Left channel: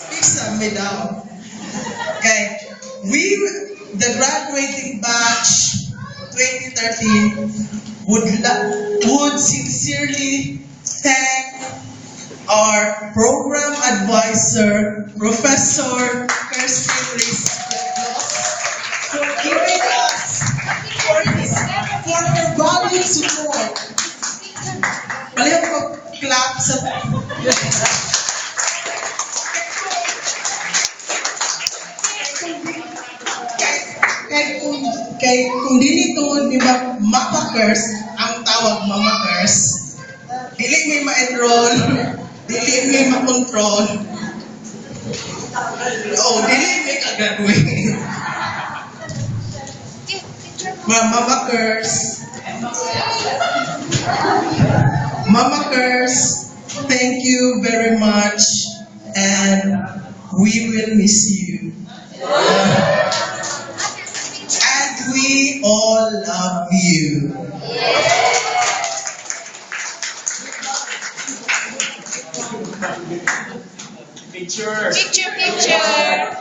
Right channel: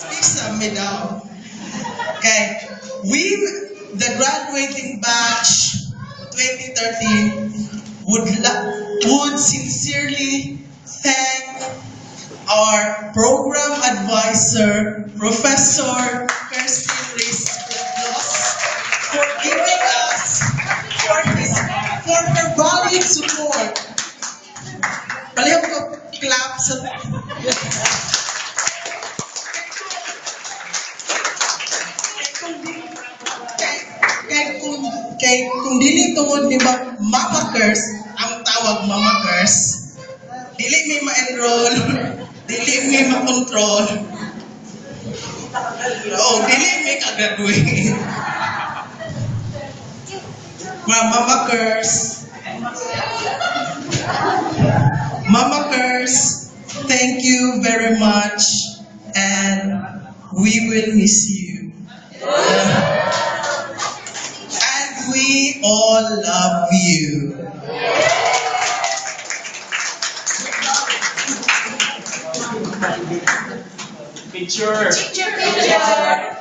Speak sa me daw. Okay. We, the graduating batch 2013, would sincerely thank our program advisor, Professor Kirstin Reyes Redlos, for giving us, for her valued support. Palihog ko clap sa... kung dili tungod di ba Mama Curse, ang tawag Mama Curse, dili may ma-enroll, dili may ma-control, dili may ka-graduate. Mama Curse, Mama Curse, thank you very much and we will miss you. And we all love you. Picture. Picture.